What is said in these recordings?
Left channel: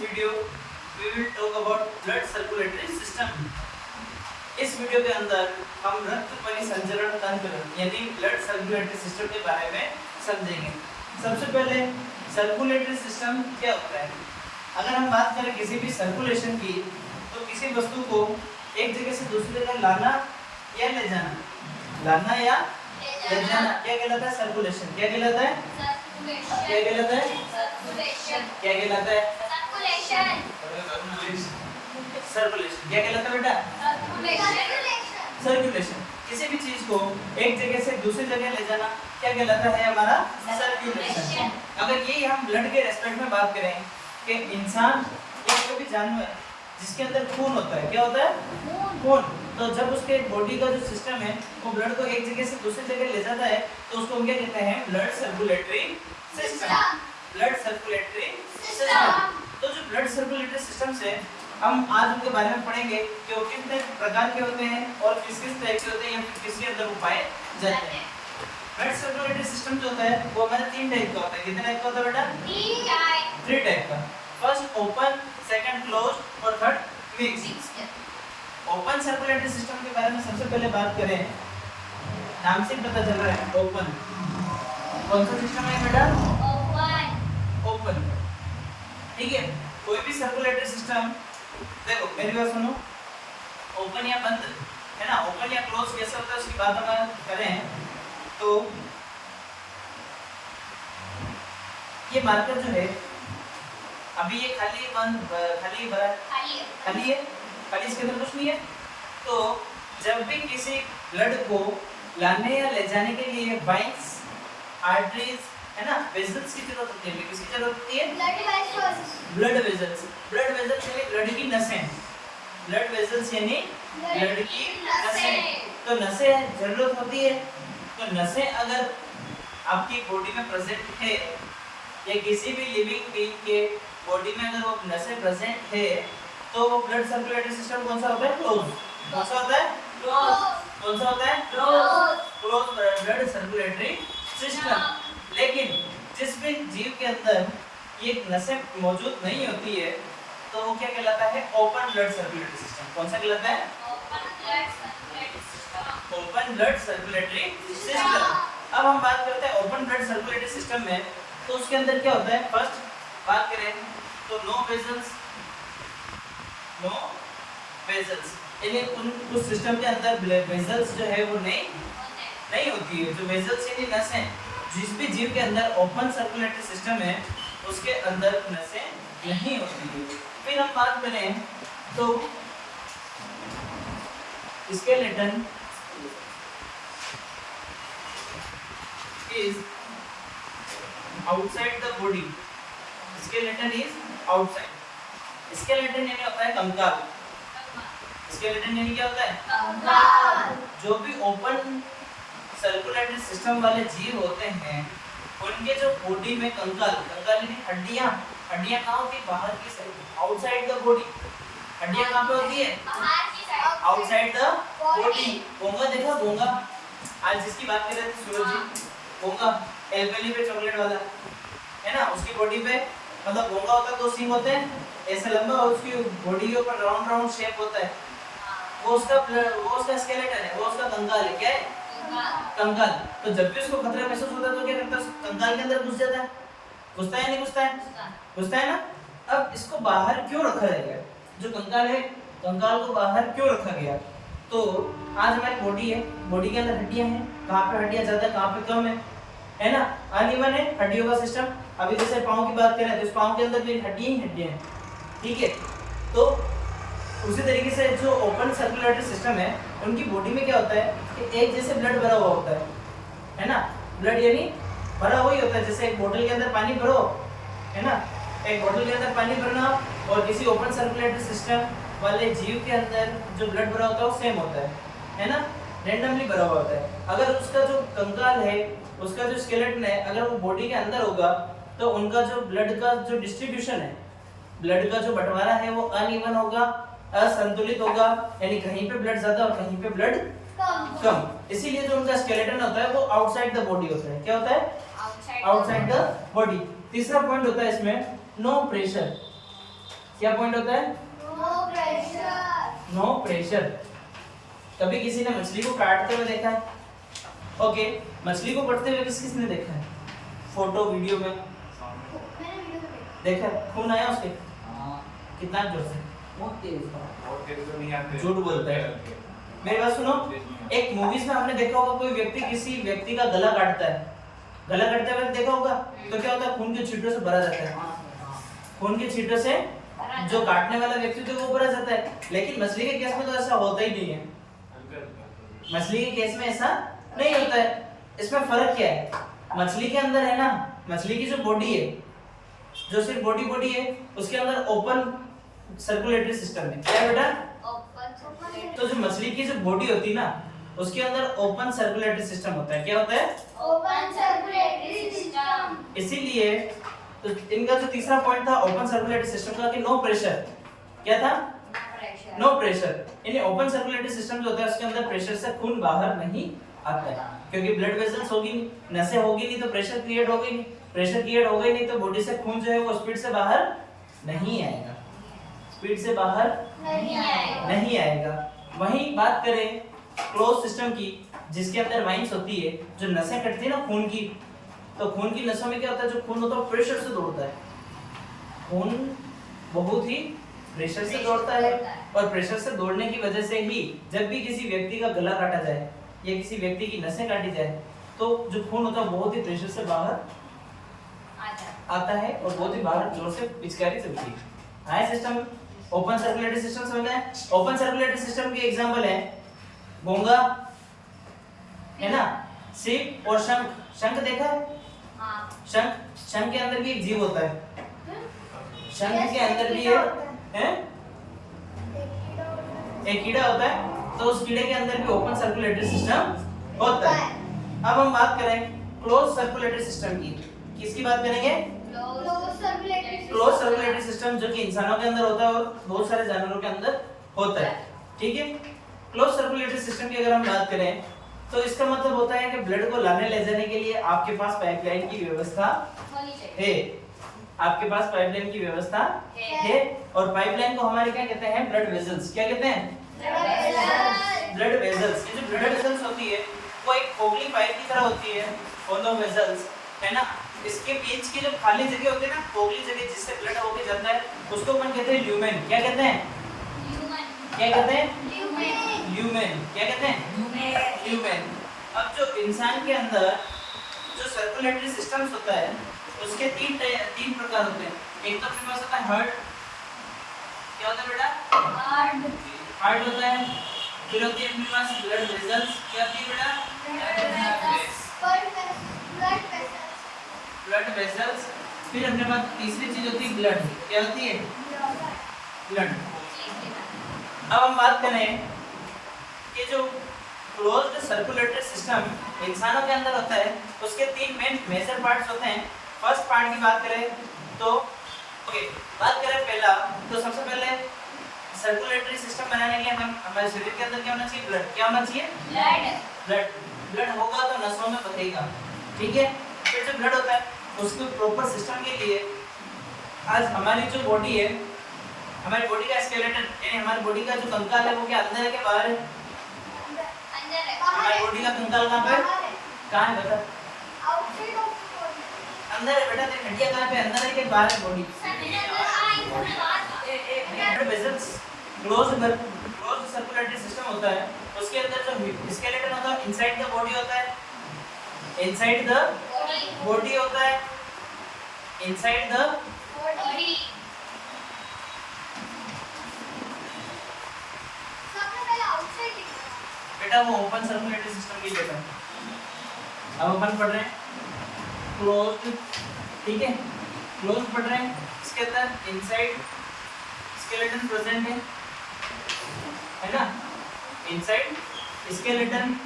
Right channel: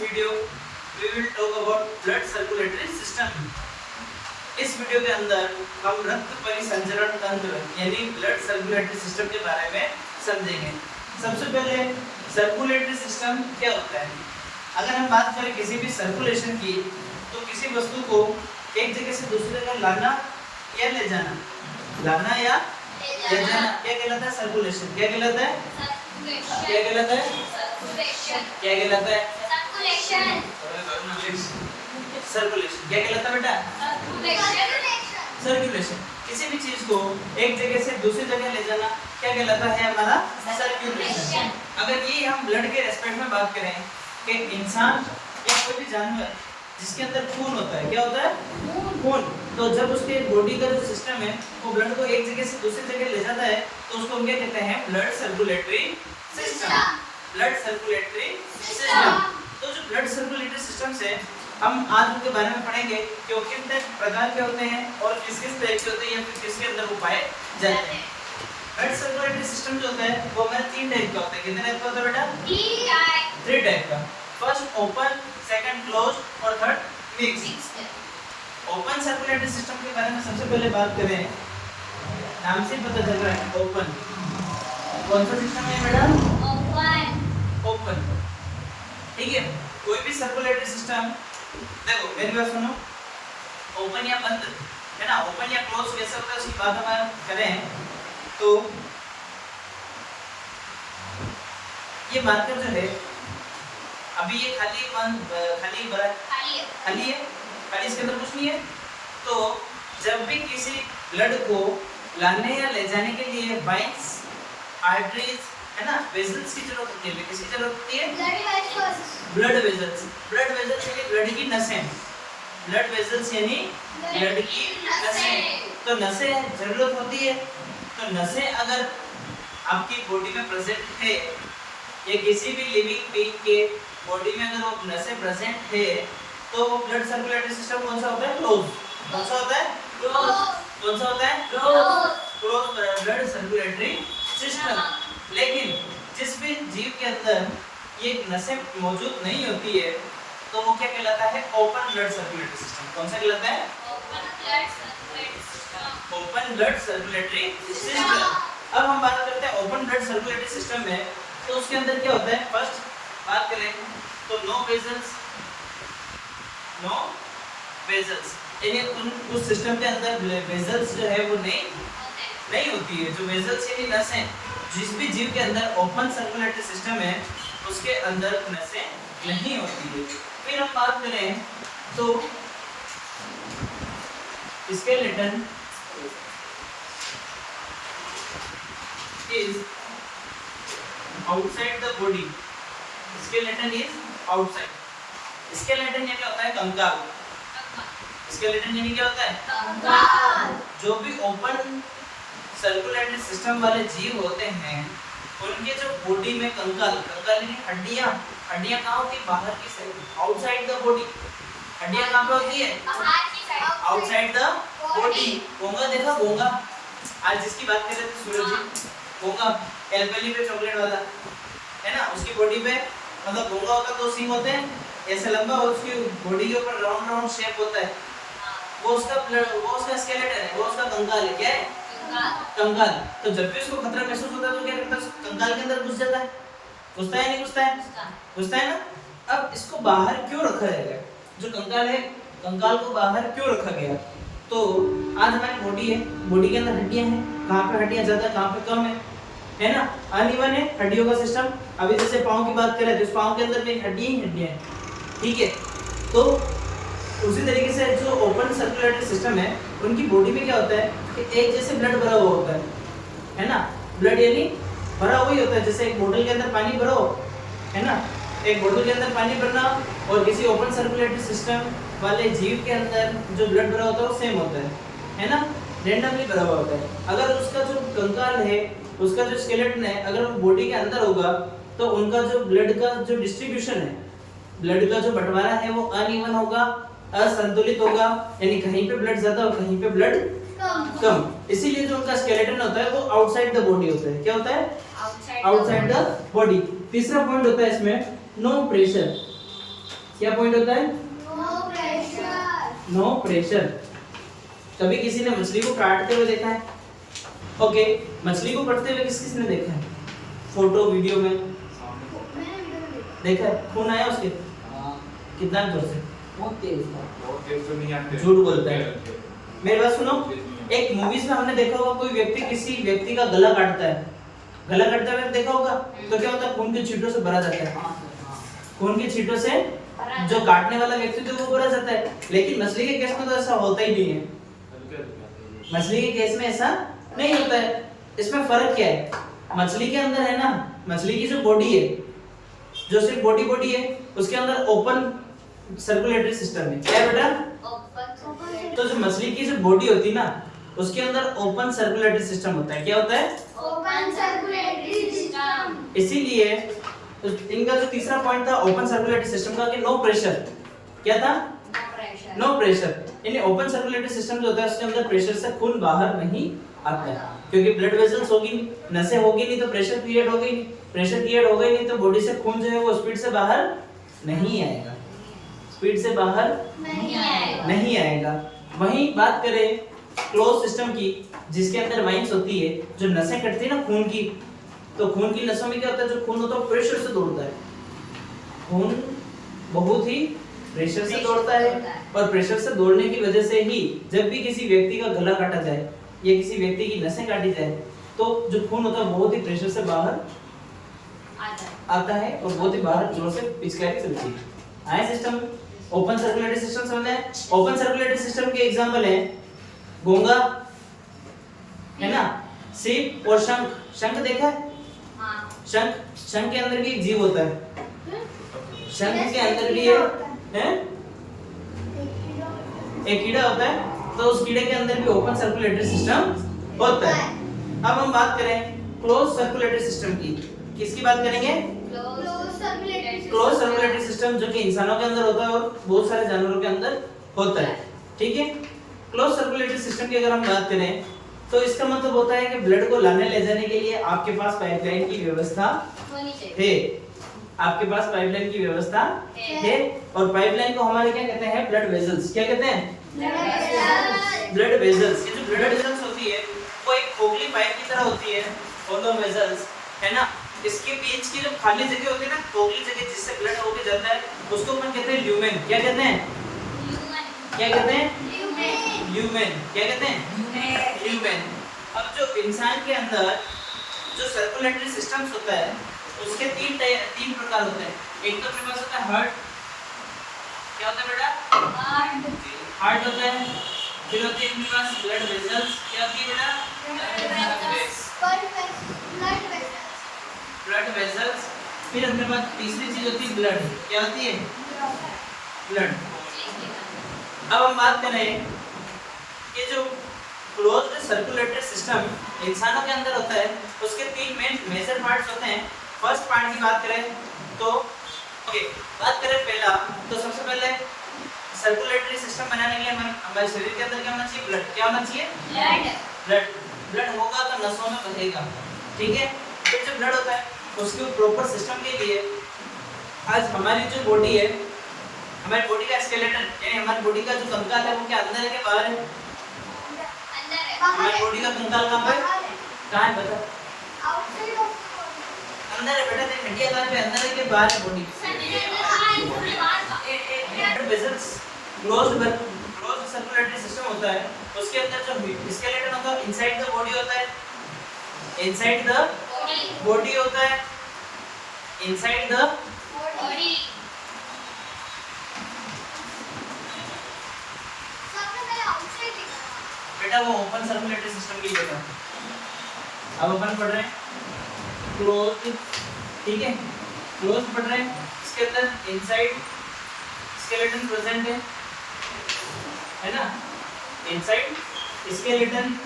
video we will talk about blood circulatory system. इस video के अंदर हम रक्त परिसंचरण तंत्र यानी ब्लड सर्कुलेटरी सिस्टम के बारे में समझेंगे। सबसे पहले सर्कुलेटरी सिस्टम क्या होता है। अगर हम बात करें किसी भी सर्कुलेशन की, तो किसी वस्तु को एक जगह से दूसरी जगह लाना या ले जाना, लाना या ले जाना क्या कहलाता है? सर्कुलेशन। क्या कहलाता है? क्या कहलाता है? क्या कहलाता है? सर्कुलेशन। क्या कहलाता है बेटा? सर्कुलेशन। किसी भी चीज को एक जगह से दूसरी जगह ले जाना क्या कहलाता है? हमारा सर्कुलेशन। अगर ये हम ब्लड के रेस्पेक्ट में बात करें कि इंसान या कोई भी जानवर जिसके अंदर खून होता है, क्या होता है? खून। तो जब उसके बॉडी का जो सिस्टम है वो ब्लड को एक जगह से दूसरी जगह ले जाता है तो उसको हम क्या कहते हैं? Blood circulatory system. Blood circulatory system. तो जो ब्लड सर्कुलेटरी सिस्टम से हम आज उनके बारे में पढ़ेंगे कि वो कितने प्रकार के होते हैं और किस किस तरह के होते हैं या फिर किसके अंदर वो पाए जाते हैं। ब्लड सर्कुलेटरी सिस्टम जो होता है वो हमारे 3 टाइप का होता है। कितने टाइप का होता है बेटा? 3 टाइप का। फर्स्ट ओपन, सेकंड क्लोज और third mixed. Open circulatory system के बारे में सबसे पहले बात करें, नाम से पता चल रहा है ओपन। कौन सा सिस्टम है बेटा? ओपन। ठीक है। कोई भी सर्कुलेटरी सिस्टम, देखो मेरी बात सुनो, ओपन या बंद है ना, ओपन या क्लोज कैसे होता है उसकी बात हम करें तो ये मार्कर जो है अभी ये खाली है, खाली इसके अंदर कुछ नहीं है। तो जब भी किसी ब्लड को लाने या ले जाने के लिए वाइन्स, आर्टरीज है ना, वेसल्स की जरूरत होती है। किसकी जरूरत होती है? Blood vessels. ब्लड वेसल्स यानी ब्लड की नसें। ब्लड वेसल्स यानी ब्लड की नसें। तो नसें जरूरत होती है। तो नसें अगर आपकी बॉडी में प्रेजेंट है या किसी भी लिविंग बीइंग के बॉडी में अगर वो नसें प्रेजेंट है तो वो ब्लड सर्कुलेटरी सिस्टम कौन सा होता है? क्लोज। कौन सा होता है? क्लोज। कौन सा होता है? Close blood circulatory system. लेकिन जिस भी जीव के अंदर ये नसें मौजूद नहीं होती है तो वो क्या कहलाता है? Open blood circulatory system. कौन सा कहलाता है? Open blood circulatory system. अब हम बात करते हैं ओपन ब्लड सर्कुलेटरी सिस्टम में, तो उसके अंदर क्या होता है? फर्स्ट बात करें तो नो वेसल्स यानी उस सिस्टम के अंदर वेसल्स जो है वो नहीं होती है। जो वेसल्स यानी नसें, जिस भी जीव के अंदर ओपन सर्कुलेटरी सिस्टम है उसके अंदर नसें नहीं होती है। फिर हम बात करें तो skeleton is outside the body. Skeleton is outside. Skeleton यानी होता है कंकाल। Skeleton यानी क्या होता है? कंकाल। जो भी ओपन सर्कुलेटरी सिस्टम वाले जीव होते हैं उनके जो बॉडी में कंकाल यानी हड्डियां कहाँ होती है? बाहर की साइड, आउटसाइड द बॉडी। हड्डियां कहाँ पे होती है? Outside the body. गोंगा देखा? गोंगा आज जिसकी बात कर रहे थे सूरज जी, गोंगा एल्पेली पे चॉकलेट वाला है ना, उसकी बॉडी पे मतलब गोंगा होता है, 2 सींग होते हैं ऐसे लंबा और उसकी बॉडी के ऊपर राउंड शेप होता है। वो उसका स्केलेटन है, वो उसका कंकाल है। क्या है? कंकाल। तो जब भी उसको खतरा महसूस होता है तो क्या करता है? कंकाल के अंदर घुस जाता है। घुसता है नहीं घुसता है? घुसता है ना। अब इसको बाहर क्यों रखा गया? जो कंकाल है, कंकाल को बाहर क्यों रखा गया? तो आज हमारी बॉडी है, बॉडी के अंदर हड्डियां हैं, कहाँ पे हड्डियां ज्यादा है, कहाँ पे कम है ना, अनइवन है हड्डियों का सिस्टम। अभी जैसे पाँव की बात करें तो इस पाँव के अंदर में हड्डियां ही हड्डियां हैं। ठीक है। तो उसी तरीके से जो ओपन सर्कुलेटरी सिस्टम है उनकी बॉडी में क्या होता है कि एक जैसे ब्लड भरा हुआ होता है ना। ब्लड यानी भरा हुआ ही होता है। जैसे एक बोतल के अंदर पानी भरो है ना, एक बोतल के अंदर पानी भरना और किसी ओपन सर्कुलेटरी सिस्टम वाले जीव के अंदर जो ब्लड भरा होता है वो सेम होता है ना, रेंडमली भरा हुआ होता है। अगर उसका जो कंकाल है, उसका जो स्केलेटन है, अगर वो बॉडी के अंदर होगा तो उनका जो ब्लड का जो डिस्ट्रीब्यूशन है, ब्लड का जो बंटवारा है वो अनइवन होगा, असंतुलित होगा, यानी कहीं पे ब्लड ज्यादा और कहीं पे ब्लड कम। इसीलिए जो उनका स्केलेटन होता है वो आउटसाइड द बॉडी होता है। क्या होता है? Outside the body. तीसरा पॉइंट होता है इसमें नो प्रेशर। क्या पॉइंट होता है? No pressure. No pressure. कभी किसी ने मछली को काटते हुए देखा है? ओके, मछली को कटते हुए किसने देखा है? फोटो वीडियो में मैंने वीडियो में देखा है? खून आया उसके? कितना जोर से? बहुत तेज तो नहीं आते। झूठ बोलता है। मेरी बात सुनो, एक मूवीज में हमने देखा होगा कोई व्यक्ति किसी व्यक्ति का गला काटता है, गला काटते हुए देखा होगा, तो क्या होता है? खून के छींटों से भरा जाता है। खून के छींटों से जो काटने वाला व्यक्ति थे वो भरा जाता है। लेकिन मछली के केस में तो ऐसा होता ही नहीं है। मछली के केस में ऐसा नहीं होता है। इसमें फर्क क्या है? मछली के अंदर है ना, मछली की जो बॉडी है, जो सिर्फ बॉडी है, उसके अंदर ओपन सर्कुलेटरी सिस्टम है। क्या है बेटा? तो जो मछली की जो बॉडी होती है ना, उसके अंदर ओपन सर्कुलेटरी सिस्टम होता है। क्या होता है? Open circulatory system. इसीलिए तो इनका जो तीसरा पॉइंट था ओपन सर्कुलेटरी सिस्टम का, कि नो प्रेशर। क्या था? No pressure. यानी ओपन सर्कुलेटरी सिस्टम जो होता है उसके अंदर प्रेशर से खून बाहर नहीं आता है, क्योंकि ब्लड वेसल्स होगी नहीं, नसें होगी नहीं, तो प्रेशर क्रिएट होगा ही नहीं। प्रेशर क्रिएट होगा ही नहीं तो बॉडी से खून जो है वो स्पीड से बाहर नहीं आएगा, स्पीड से बाहर नहीं आएगा। वहीं बात करें क्लोज सिस्टम की, जिसके अंदर वाइन्स होती है, जो नसें कटती है ना खून की, तो खून की नसों में क्या होता है? जो खून होता है प्रेशर से दौड़ता है। खून बहुत ही प्रेशर से दौड़ता है, और प्रेशर से दौड़ने की वजह से ही जब भी किसी व्यक्ति का गला काटा जाए या किसी व्यक्ति की नसें काटी जाए, तो जो खून होता है बहुत ही प्रेशर से बाहर आता है और बहुत ही बाहर जोर से पिचकारी चलती है। आए सिस्टम ओपन सर्कुलेटरी सिस्टम समझ में? ओपन सर्कुलेटरी सिस्टम के एग्जांपल है घोंगा, है ना, सीप और शंख। शंख देखा है? शंख के अंदर भी एक जीव होता है। शंख के अंदर भी है एक कीड़ा होता है, तो उस कीड़े के अंदर भी ओपन सर्कुलेटरी सिस्टम होता है। अब हम बात करें क्लोज सर्कुलेटरी सिस्टम की। किसकी बात करेंगे? क्लोज सर्कुलेटरी सिस्टम, जो कि इंसानों के अंदर होता है और बहुत सारे जानवरों के अंदर होता है। ठीक है, क्लोज सर्कुलेटरी सिस्टम की अगर हम बात करें तो इसका मतलब होता है कि ब्लड को लाने ले जाने के लिए आपके पास पाइपलाइन की व्यवस्था है। आपके पास पाइपलाइन की व्यवस्था है, और पाइपलाइन को हमारे क्या कहते हैं? Blood vessels. क्या कहते हैं? Blood vessels. ये जो ब्लड वेसल्स होती है वो एक खोखली पाइप की तरह होती है, होलो वेसल्स, है ना। इसके बीच की जो खाली जगह होती है ना, खोखली जगह जिससे ब्लड होके जाता है, उसको अपन कहते हैं ल्यूमेन। क्या कहते हैं? क्या कहते हैं? ल्यूमेन। क्या कहते हैं? ल्यूमेन। अब जो इंसान के अंदर जो सर्कुलेटरी सिस्टम्स होता है उसके तीन प्रकार होते हैं। एक तो अपने पास होता है हार्ट। क्या होता है बेटा? हार्ट होता है। फिर होती है अपने पास ब्लड वेसल्स। क्या होती है बेटा? Blood vessels. फिर अपने पास तीसरी चीज होती है ब्लड। क्या होती है? ब्लड। अब हम बात करें कि जो क्लोज्ड सर्कुलेटरी सिस्टम इंसानों के अंदर होता है उसके तीन मेजर पार्ट्स होते हैं। फर्स्ट पार्ट की बात करें तो बात करें पहला, तो सबसे पहले सर्कुलेटरी सिस्टम बनाने के लिए हमारे शरीर के अंदर क्या होना चाहिए? ब्लड। क्या होना चाहिए? ब्लड होगा तो नसों में बहेगा। ठीक है, फिर जो ब्लड होता है उसके प्रॉपर सिस्टम के लिए आज हमारी जो बॉडी है, हमारी बॉडी का स्केलेटन यानी हमारी बॉडी का जो कंकाल है वो क्या अंदर है कि बाहर है? हमारी बॉडी का कंकाल कहाँ पे? कहाँ है बता? अंदर है बेटा। तेरी हड्डियां कहाँ पे? अंदर है कि बाहर है body? Blood vessels closed circulatory system होता है, उसके अंदर जो स्केलेटन होता है इनसाइड द बॉडी होता है। इनसाइड द बॉडी होता है। Inside the body. बेटा वो ओपन सर्कुलेटरी सिस्टम की जगह। अब अपन पढ़ रहे हैं क्लोज्ड। ठीक है, क्लोज्ड पढ़ रहे हैं। इसके अंदर इनसाइड स्केलेटन प्रेजेंट है ना, इनसाइड स्केलेटन।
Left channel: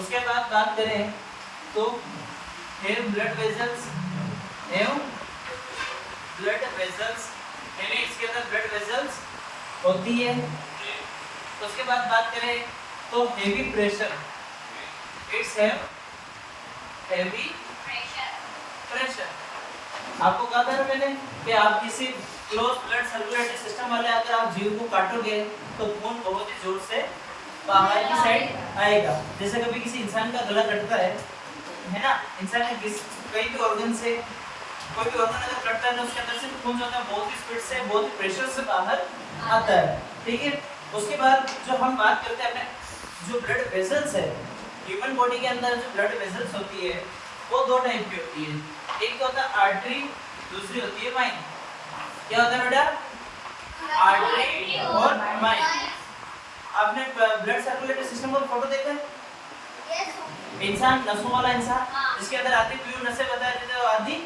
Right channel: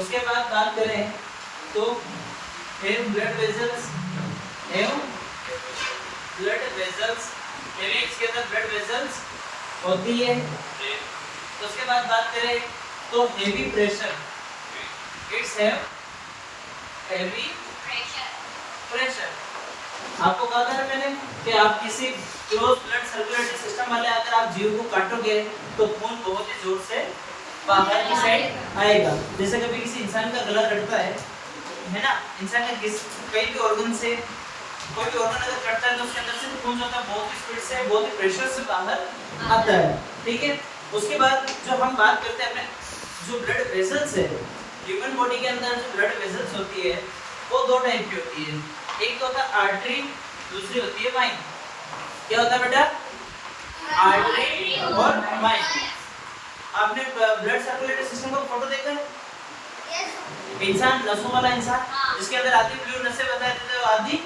उसके बाद बात करें तो ब्लड वेसल्स इसके अंदर ब्लड वेसल्स होती है। उसके बाद बात करें तो heavy pressure. It's heavy pressure. आपको कहा था ना मैंने कि आप किसी क्लोज ब्लड सर्कुलेटरी सिस्टम वाले अगर आप जीव को काटोगे तो खून बहुत ही जोर से बाहर की साइड आएगा। जैसे कभी किसी इंसान का गला कटता है ना, इंसान के कई भी ऑर्गन से कोई भी ऑर्गन अगर कटता है तो उसके अंदर से खून जो होता है बहुत ही स्पीड से, बहुत ही प्रेशर से बाहर आता है। ठीक है, उसके बाद जो हम बात करते हैं अपने जो ब्लड वेसल्स है, ह्यूमन बॉडी के अंदर जो ब्लड वेसल्स होती है वो दो टाइप की होती है। एक तो होता है आर्टरी, दूसरी होती है वाइन। क्या होता है बेटा? आर्टरी और वाइन। आपने ब्लड सर्कुलेटरी सिस्टम का फोटो देखा है? इंसान, नसों वाला इंसान, जिसके अंदर आधी ब्लू नसें बता देते हैं, आधी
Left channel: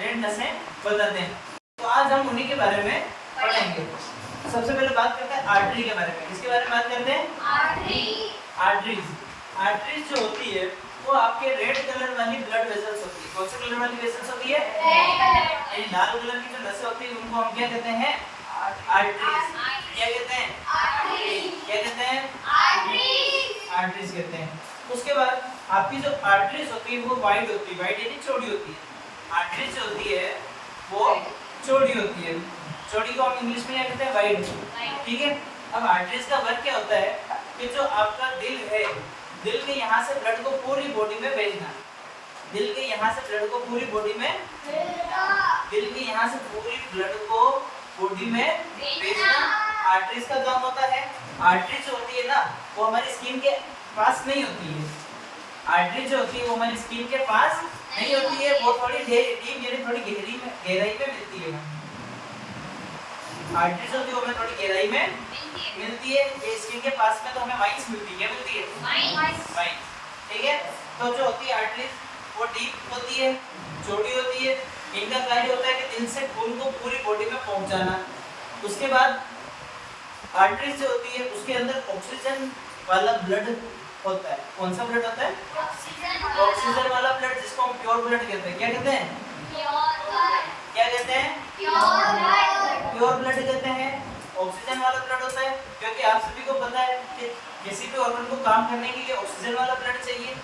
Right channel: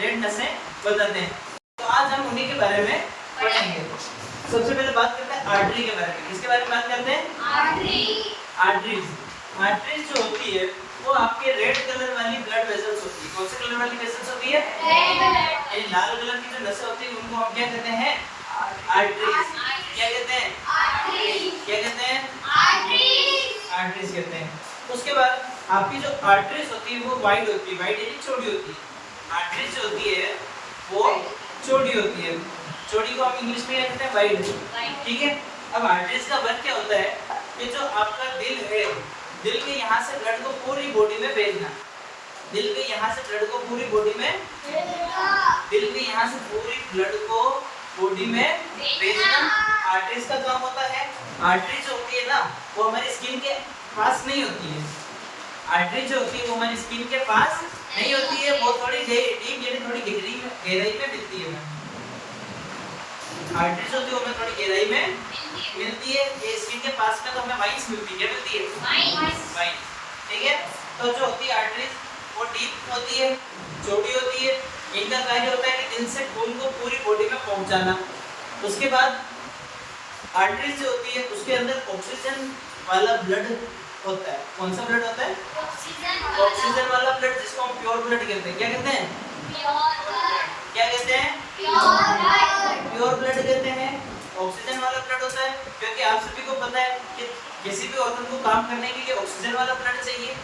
रेड नसें बताते हैं। तो आज हम उन्हीं के बारे में पढ़ेंगे। सबसे पहले बात करते हैं आर्टरी के बारे में। किसके बारे में बात करते हैं? आर्टरीज। आर्टरीज जो होती है वो आपके रेड कलर वाली ब्लड वेसल्स होती है। कौन से कलर वाली वेसल्स होती है? ये लाल कलर की जो नसें होती है उनको हम क्या कहते हैं? आर्टरीज। क्या कहते हैं? क्या कहते हैं? आर्टरीज कहते हैं। उसके बाद आपकी जो आर्टरीज होती है वो वाइड होती है, वाइड यानी चौड़ी होती है। आर्टरीज जो होती है वो चौड़ी होती है। चौड़ी को हम इंग्लिश में क्या कहते हैं? वाइड। ठीक है, अब आर्टरीज का वर्क क्या होता है कि जो आपका दिल है, दिल के यहाँ से ब्लड को पूरी बॉडी में भेजना। दिल के यहाँ से ब्लड को पूरी बॉडी में, दिल के यहाँ से पूरी ब्लड को बॉडी में भेजना आर्टरीज का काम होता है। आर्टरी जो होती है ना वो हमारी स्किन के पास नहीं होती है। आर्टरी जो होती है वो हमारी स्किन के पास नहीं होती है, वो थोड़ी डीप यानी थोड़ी गहराई में मिलती है। आर्टरी जो होती है वो हमें थोड़ी गहराई में मिलती है। ये स्किन के पास में तो हमें वाइन्स मिलती है। क्या मिलती है? वाइन। ठीक है, तो जो होती है आर्टरीज वो डीप होती है, छोटी होती है। इनका कार्य होता है कि दिल से खून को पूरी बॉडी में पहुंचाना। उसके बाद आर्टरीज जो होती है उसके अंदर ऑक्सीजन वाला ब्लड होता है। कौन सा ब्लड होता है? ऑक्सीजन वाला ब्लड, जिसको हम प्योर ब्लड कहते हैं। क्या कहते हैं? क्या कहते हैं? प्योर ब्लड कहते हैं। ऑक्सीजन वाला ब्लड होता है क्योंकि आप सभी को पता है कि किसी भी ऑर्गन को काम करने के लिए ऑक्सीजन वाला ब्लड चाहिए।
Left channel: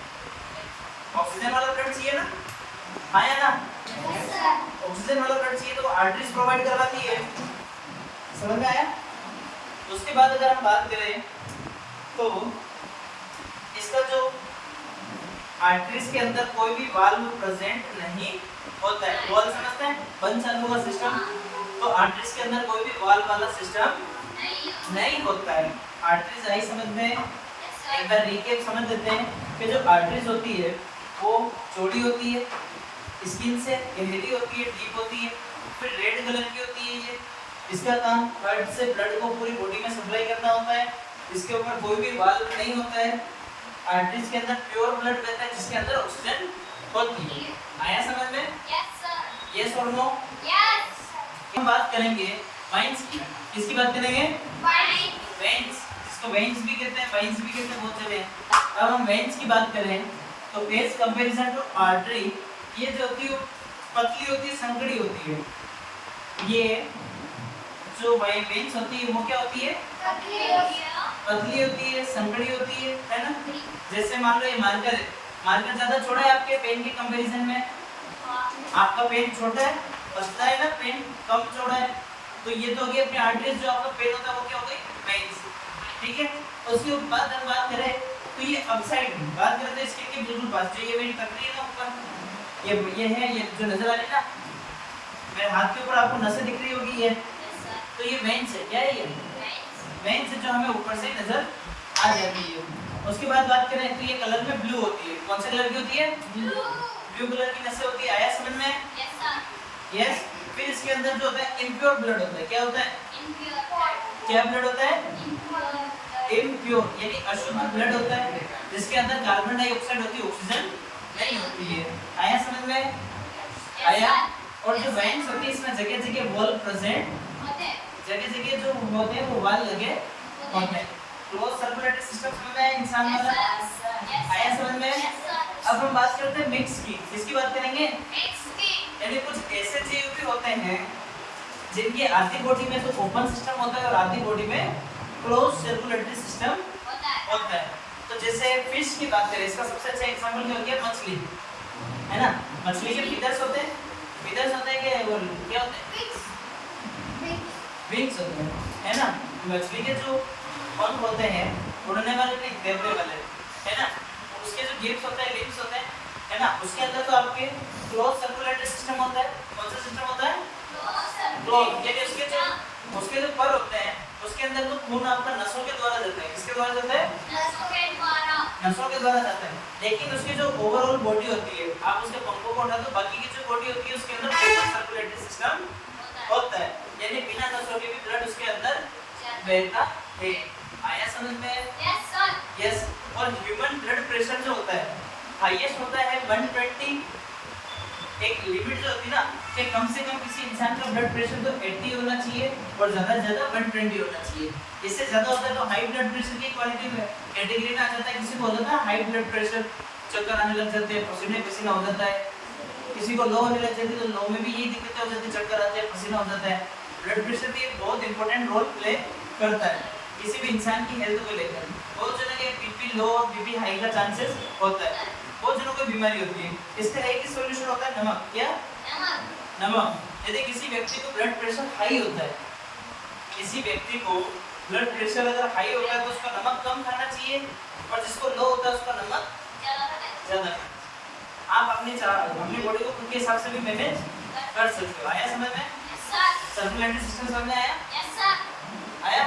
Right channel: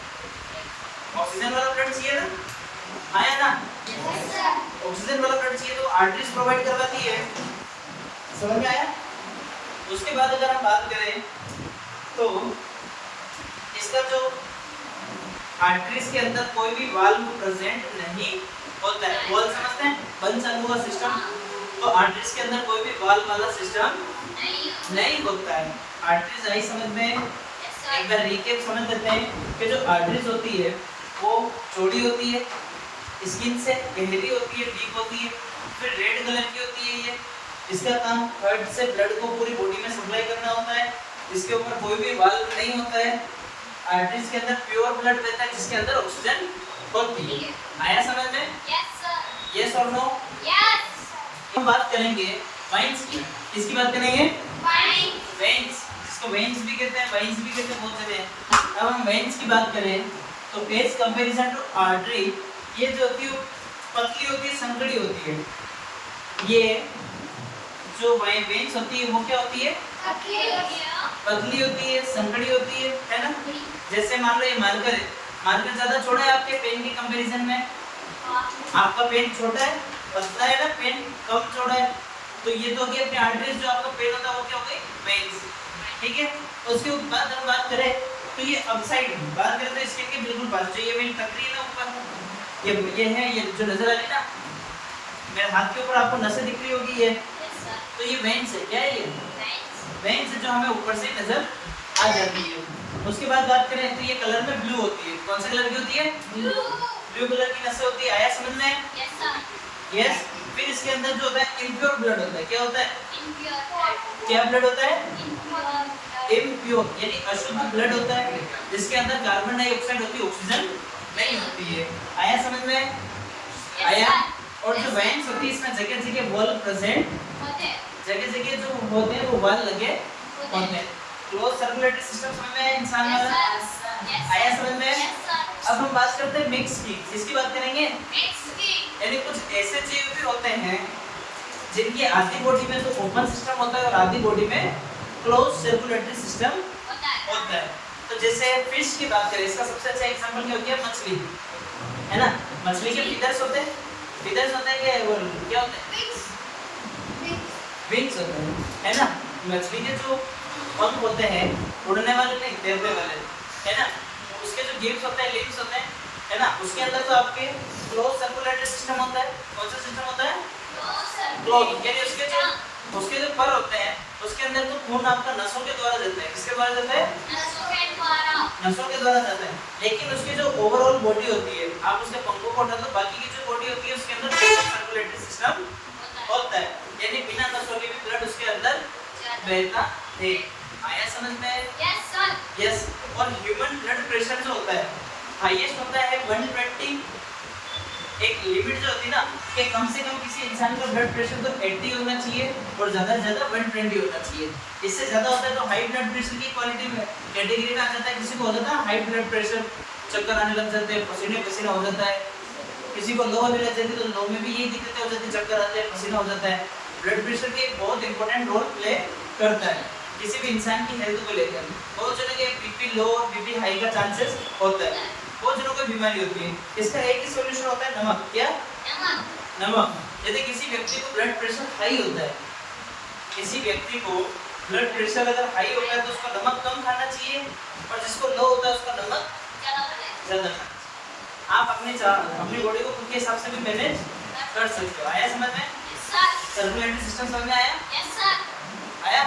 ऑक्सीजन वाला ब्लड चाहिए ना? हाँ या ना? ऑक्सीजन वाला ब्लड चाहिए तो आर्टरीज प्रोवाइड करवाती है। समझ में आया? उसके बाद अगर हम बात करें तो इसका जो आर्टरीज के अंदर कोई भी वाल्व प्रेजेंट नहीं होता है। वाल्व समझते हैं? बंद चालू हुआ सिस्टम। तो आर्टरीज के अंदर कोई भी वाल्व वाला सिस्टम नहीं होता है। आर्टरीज आई समझ में? एक बार रिकैप समझ लेते हैं कि जो आर्टरीज होती है वो चौड़ी होती है, स्किन से गहरी होती है, डीप होती है, फिर रेड कलर की होती है। ये इसका काम हार्ट से ब्लड को पूरी बॉडी में सप्लाई करना होता है। इसके ऊपर कोई भी वाल्व नहीं होता है। आर्टरीज के अंदर प्योर ब्लड बहता है जिसके अंदर ऑक्सीजन होती है। आया समझ में? यस और नो? हम बात करेंगे वाइन्स की। किसकी बात करेंगे? वेन्स, जिसको वेन्स भी कहते हैं, वाइन्स भी कहते हैं बहुत जगह। अब हम वेन्स की बात करें तो एज कंपैरिजन टू आर्टरी ये जो होती है पतली होती है, संकड़ी होती है। ये जो वेन्स होती है वो क्या होती है? पतली होती है, संकड़ी होती है ना? जैसे मान लो ये मार्कर है, मार्कर ज्यादा छोटा है आपके पेन के कंपैरिजन में। आपका पेन छोटा है, पतला है ना, पेन कम चौड़ा है। तो ये तो होगी अपनी आर्टरीज। जो आपका पेन होता है वो क्या हो गई? वेन्स। ठीक है, उसके बाद हम बात करें तो ये अपसाइड बात करते हैं इसके के बिल्कुल पास जो ये वेन टक रही है ना ऊपर, ये है, ये जो नजर आ रही है ना मेरे हाथ के ऊपर आपको नसें दिख रही होगी ये, तो ये वेन्स है। क्या है ये? वेन्स जो हमें ऊपर से नजर आ जाती है। उसके बाद बात करें तो ये कलर में ब्लू होती है। कौन से कलर की होती है? ब्लू कलर की नसें होती है। आया समझ में? यस। फिर इसके अंदर जो होता है इम्प्योर ब्लड होता है। क्या होता है? क्या ब्लड होता है? इम्प्योर यानी अशुद्ध ब्लड होता है जिसके अंदर कार्बन डाइऑक्साइड होती है, ऑक्सीजन नहीं होती है। आया समझ में? आया। और जो वेन्स होती है इसमें जगह जगह वॉल प्रेजेंट, जगह जगह जो होते हैं वो वाल लगे होते हैं। क्लोज सर्कुलेटरी सिस्टम समझ में आया इंसान वाला? आया समझ में? अब हम बात करते हैं मिक्स की। किसकी बात करेंगे? यानी कुछ ऐसे जीव भी होते हैं जिनकी आधी बॉडी में तो ओपन सिस्टम होता है और आधी बॉडी में क्लोज सर्कुलेटरी सिस्टम होता है। तो जैसे फिश की बात करें, इसका सबसे अच्छा एग्जांपल क्या हो गया? मछली है ना। मछली के फिदर्स होते हैं, फीदर्स होते हैं क्या, वो क्या होते हैं, विंग्स होते हैं, है ना। मछली के जो पंख होते हैं, उड़ने वाले नहीं, तैरने वाले, है ना। उसके जो गिब्स होते हैं, लिम्स होते हैं, है ना। उसके अंदर तो आपके क्लोज सर्कुलेटरी सिस्टम होता है। कौन सा सिस्टम होता है, क्लोज। यानी उसके जो पर होते हैं, उसके अंदर तो खून आपका नसों के द्वारा जाता है। किसके द्वारा जाता है, नसों के द्वारा जाता है। लेकिन उसकी जो ओवरऑल बॉडी होती है, आप उसके पंखों को हटा दो, बाकी की जो बॉडी होती है उसके अंदर सर्कुलेटरी सिस्टम होता है। यानी बिना नसों के भी ब्लड उसके अंदर बहता है। आया समझ में, यस। और ह्यूमन ब्लड प्रेशर जो होता है, हाईएस्ट होता है 120। एक लिमिट जो होती है ना, कि कम से कम किसी इंसान का ब्लड प्रेशर तो 80 होना चाहिए और ज्यादा से ज्यादा 120 होना चाहिए। इससे ज्यादा होता है तो हाई ब्लड प्रेशर की क्वालिटी में कैटेगरी में आ जाता है। किसी को हो जाता है हाई ब्लड प्रेशर, चक्कर आने लग जाते हैं, पसीने पसीना हो जाता है। किसी को लो होने लग जाती है तो लो में भी यही दिक्कतें हो जाती है, चक्कर आते हैं, पसीना हो जाता है। ब्लड प्रेशर भी एक बहुत इंपॉर्टेंट रोल प्ले करता है किसी भी इंसान की हेल्थ को लेकर। बहुत जनों के बीपी लो और बीपी हाई का चांसेस होता है, बहुत जनों को बीमारी होती है। इसका एक ही सॉल्यूशन होता है, नमक। क्या, नमक। यदि किसी व्यक्ति को ब्लड प्रेशर हाई होता है, किसी व्यक्ति को ब्लड प्रेशर अगर हाई होता है तो उसका नमक कम खाना चाहिए, और जिसको लो होता है उसका नमक ज्यादा। आप अपनी बॉडी को खुद के हिसाब से भी मैनेज कर सकते हो। आया समझ में, सर्कुलेटरी सिस्टम समझ में आया, आया।